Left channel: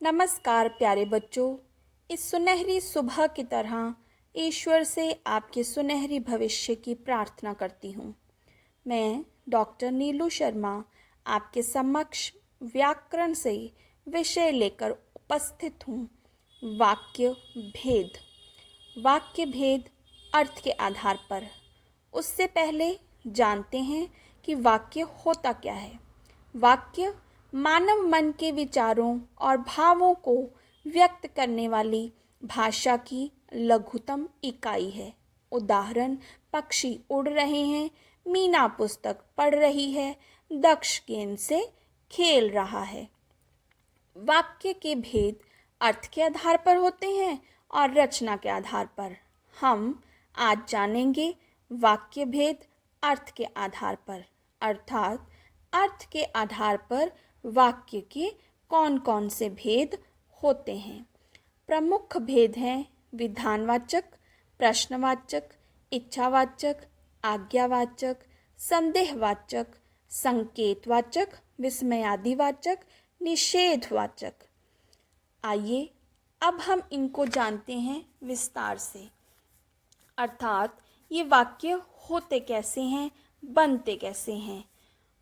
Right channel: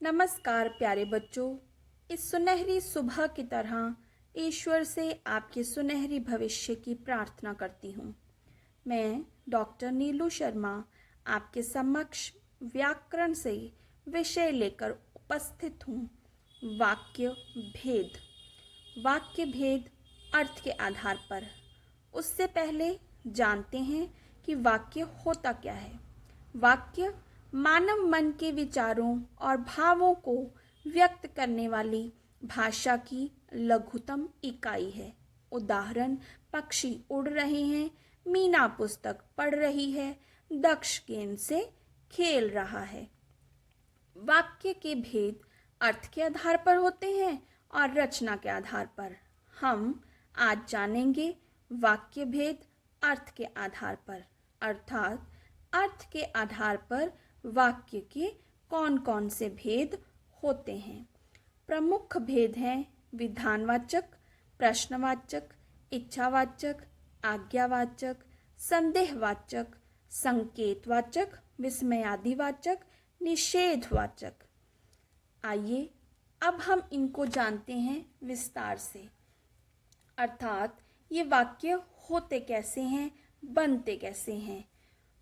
नमस्कार प्यारे बच्चों। इस सुनहरी सुबह की तरह ईश्वर से आपके सुनहरी भविष्य की प्रार्थना करती हूँ। मैं डॉक्टर नीलू शर्मा आपके समक्ष व्याकरण से विषय लेकर उपस्थित हूँ। वाक्य भेद। वाक्य भेद अर्थ के आधार पर। उससे पहले जानते हैं कि वाक्य होता क्या है। वाक्य मानव मन के विचारों और भावों को व्यक्त करने वाली भाषा की लघुतम इकाई है। उदाहरण, पक्षी उड़ रहे हैं, मीना पुस्तक पढ़ रही है, दक्ष गेंद से खेल रहा है। वाक्य के भेद अर्थ के आधार पर होते हैं और रचना के आधार पर। हम आज जानेंगे वाक्य भेद अर्थ के आधार पर, अर्थात अर्थ के आधार पर वाक्य के कौन कौन से भेद होते हैं। प्रमुख भेद हैं विधानवाचक, प्रश्नवाचक, इच्छावाचक, आज्ञावाचक, संदेहवाचक, संकेतवाचक, विस्मयादिवाचक, निषेधवाचक। आइए अब हम इनको जानते हैं विस्तार से, अर्थात ये वाक्य होते कैसे हैं, बनते कैसे हैं।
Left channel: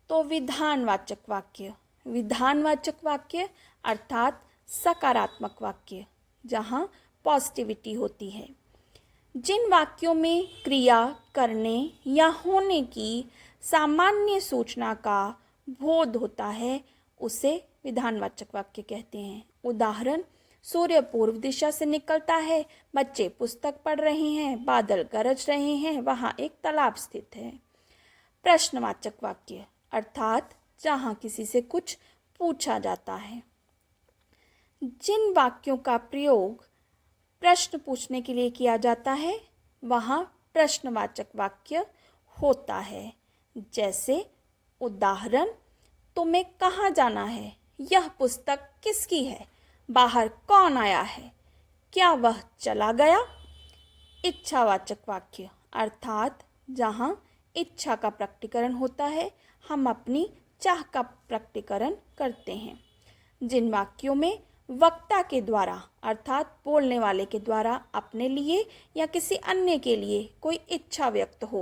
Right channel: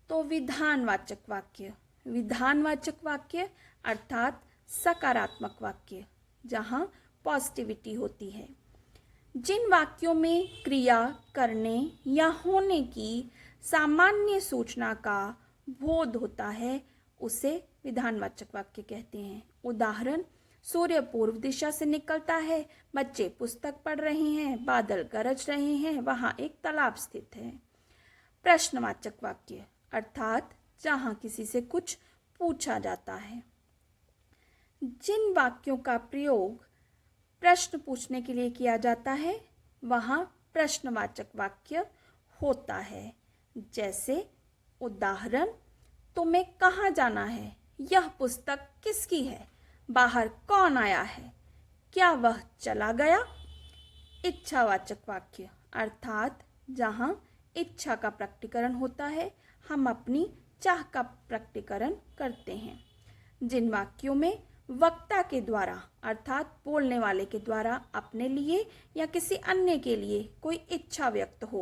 तो विधानवाचक वाक्य। विधानवाचक वाक्य अर्थात सकारात्मक वाक्य, जहाँ पॉजिटिविटी होती है। जिन वाक्यों में क्रिया करने या होने की सामान्य सूचना का बोध होता है उसे विधानवाचक वाक्य कहते हैं। उदाहरण, सूर्य पूर्व दिशा से निकलता है, बच्चे पुस्तक पढ़ रहे हैं, बादल गरज रहे हैं, वहाँ एक तालाब स्थित है। प्रश्नवाचक वाक्य अर्थात जहाँ किसी से कुछ पूछा जाता है। जिन वाक्यों का प्रयोग प्रश्न पूछने के लिए किया जाता है वहाँ प्रश्नवाचक वाक्य होता है। जैसे उदाहरण, तुम्हें कहाँ जाना है, यह पुस्तक किसकी है, बाहर कौन आया है, क्या वह चला गया। इच्छावाचक वाक्य अर्थात जहाँ इच्छा का प्रकटीकरण होता है, हम अपनी चाह का प्रकटीकरण करते हैं। जिन वाक्यों में वक्ता के द्वारा अर्थात बोलने वाले के द्वारा अपने लिए या किसी अन्य के लिए कोई इच्छा व्यक्त हो।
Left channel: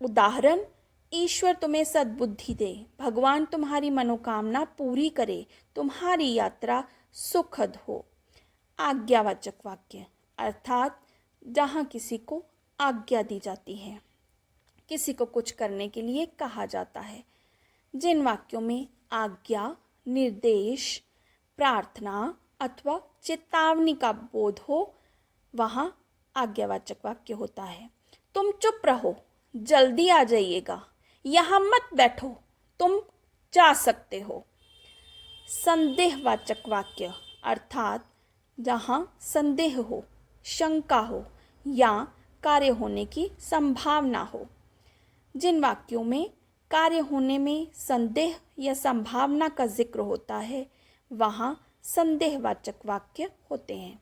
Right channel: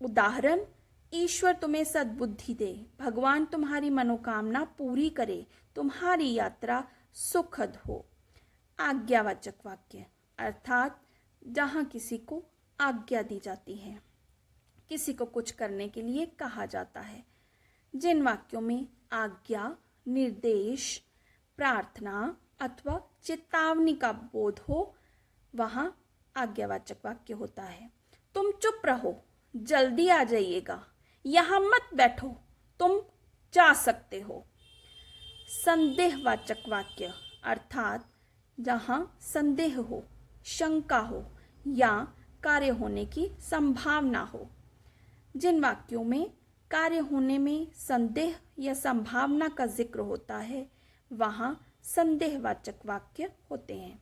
उदाहरण, ईश्वर तुम्हें सद्बुद्धि दे, भगवान तुम्हारी मनोकामना पूरी करे, तुम्हारी यात्रा सुखद हो। आज्ञावाचक वाक्य अर्थात जहाँ किसी को आज्ञा दी जाती है, किसी को कुछ करने के लिए कहा जाता है। जिन वाक्यों में आज्ञा, निर्देश, प्रार्थना अथवा चेतावनी का बोध हो वहाँ आज्ञावाचक वाक्य होता है। तुम चुप रहो, जल्दी आ जाइएगा, यहाँ मत बैठो, तुम जा सकते हो। संदेहवाचक वाक्य अर्थात जहाँ संदेह हो, शंका हो या कार्य होने की संभावना हो। जिन वाक्यों में कार्य होने में संदेह या संभावना का जिक्र होता है वहाँ संदेहवाचक वाक्य होते हैं।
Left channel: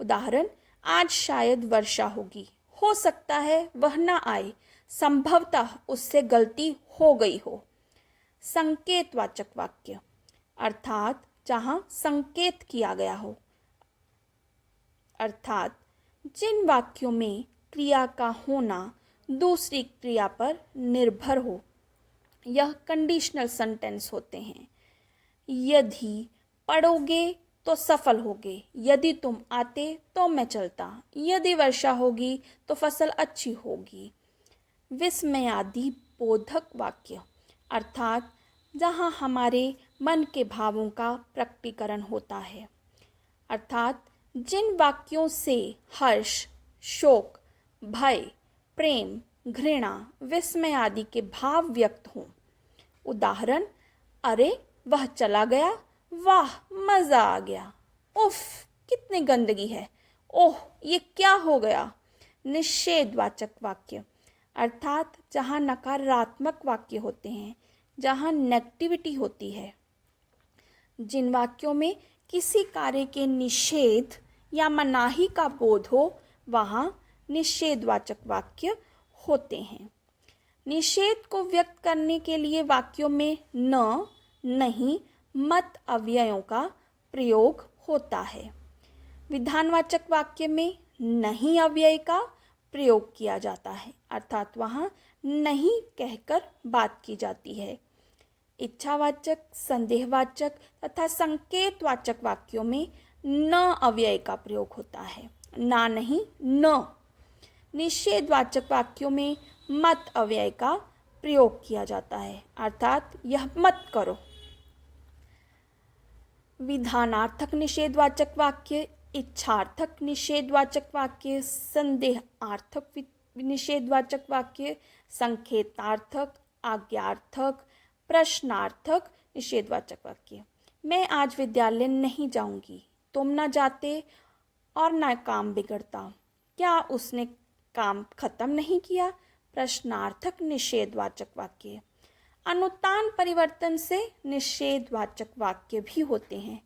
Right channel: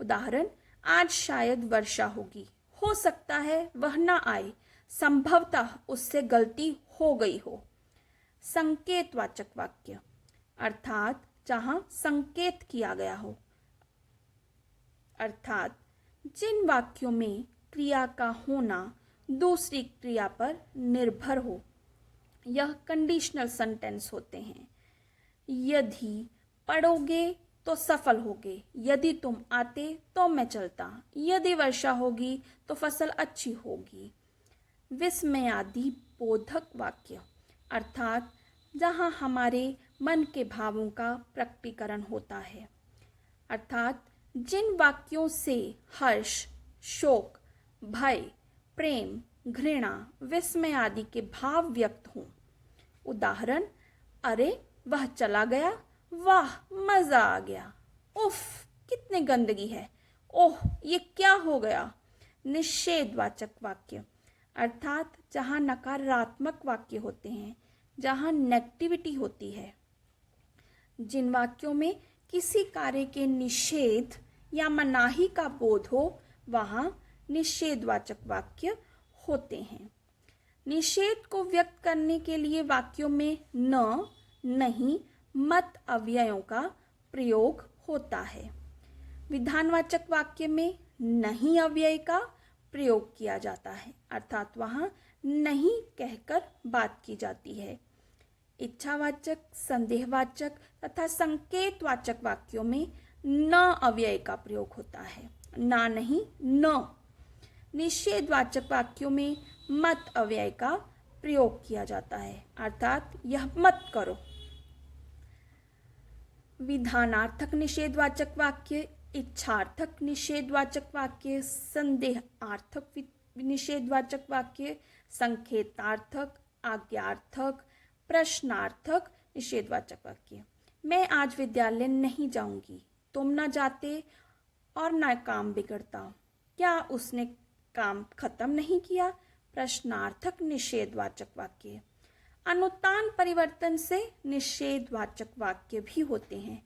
उदाहरण, आज शायद वर्षा होगी, हो सकता है वह न आए, संभवतः उससे गलती हो गई हो। संकेतवाचक वाक्य अर्थात जहाँ संकेत किया गया हो, अर्थात जिन वाक्यों में क्रिया का होना दूसरी क्रिया पर निर्भर हो, यह कंडीशनल सेंटेंस होते हैं। यदि पढ़ोगे तो सफल होगे, यदि तुम आते तो मैं चलता, यदि वर्षा होगी तो फसल अच्छी होगी। विस्मयादि बोधक वाक्य अर्थात जहाँ हमारे मन के भावों का प्रकटीकरण होता है, अर्थात जिन वाक्यों से हर्ष, शोक, भय, प्रेम, घृणा, विस्मय आदि के भाव व्यक्त हों। उदाहरण, अरे वह चला गया, वाह मज़ा आ गया, उफ कितनी गंदगी है, ओह ये क्या हो गया। निषेधवाचक वाक्य अर्थात जहाँ नकारात्मक वाक्य होते हैं, जहाँ नेगेटिविटी होती है। जिन वाक्यों में किसी कार्य के निषेध या मनाही का बोध हो वहाँ निषेधवाचक वाक्य होते हैं। निषेध को व्यक्त करने के लिए वाक्यों में न, नहीं, मत अव्ययों का प्रयोग होता है। विधानवाचक वाक्य में नहीं अव्यय का प्रयोग किया जाता है, अर्थात वहाँ नहीं कहकर बात की जाती है। इच्छावाचक, संदेहवाचक तथा संकेतवाचक वाक्यों में न अव्यय का प्रयोग होता है, ना नहीं न। निषेधवाचक वाक्यों में मत अव्यय का प्रयोग किया जाता है, अर्थात यह मत करो। विधानार्थक निषेधवाचक वाक्य, इच्छार्थक निषेधवाचक वाक्य, संदेहार्थक निषेधवाचक वाक्य, संकेतार्थक, आज्ञार्थक, प्रश्नार्थक निषेधवाचक वाक्य। मैं आज विद्यालय नहीं जाऊंगी। तुम न जाते और न काम बिगड़ता। क्या उसने काम खत्म नहीं किया? प्रश्नार्थक निषेधवाचक वाक्य। अनुतान परिवर्तन से निषेधवाचक वाक्य भी होते हैं।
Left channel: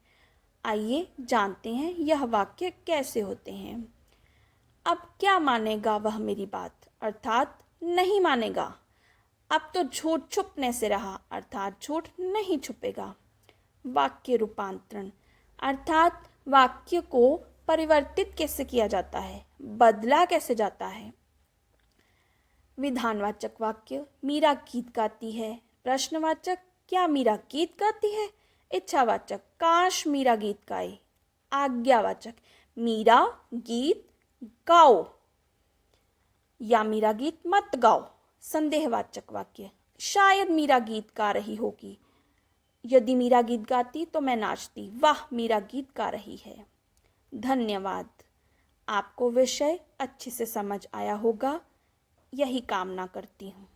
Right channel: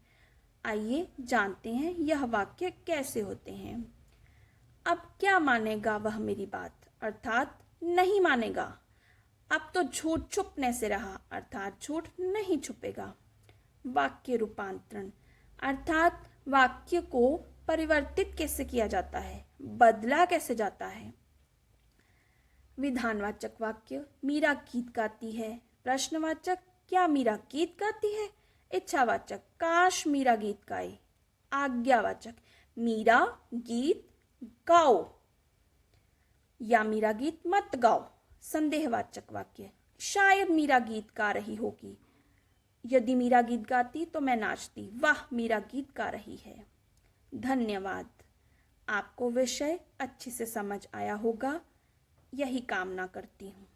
आइए जानते हैं यह वाक्य कैसे होते हैं। अब क्या मानेगा वह मेरी बात, अर्थात नहीं मानेगा। अब तो झूठ छुपने से रहा, अर्थात झूठ नहीं छुपेगा। वाक्य रूपांतरण, अर्थात वाक्य को परिवर्तित कैसे किया जाता है, बदला कैसे जाता है। विधानवाचक वाक्य, मीरा गीत गाती है। प्रश्नवाचक, क्या मीरा गीत गाती है? इच्छावाचक, काश मीरा गीत गाए। आज्ञावाचक, मीरा गीत गाओ या मीरा गीत मत गाओ। संदेहवाचक वाक्य, शायद मीरा गीत गा रही होगी। यदि मीरा गीत गाती तो मैं नाचती। वाह, मीरा गीत गा रही है। धन्यवाद। आपको विषय अच्छे से समझ आया होगा, यही कामना करती हूँ।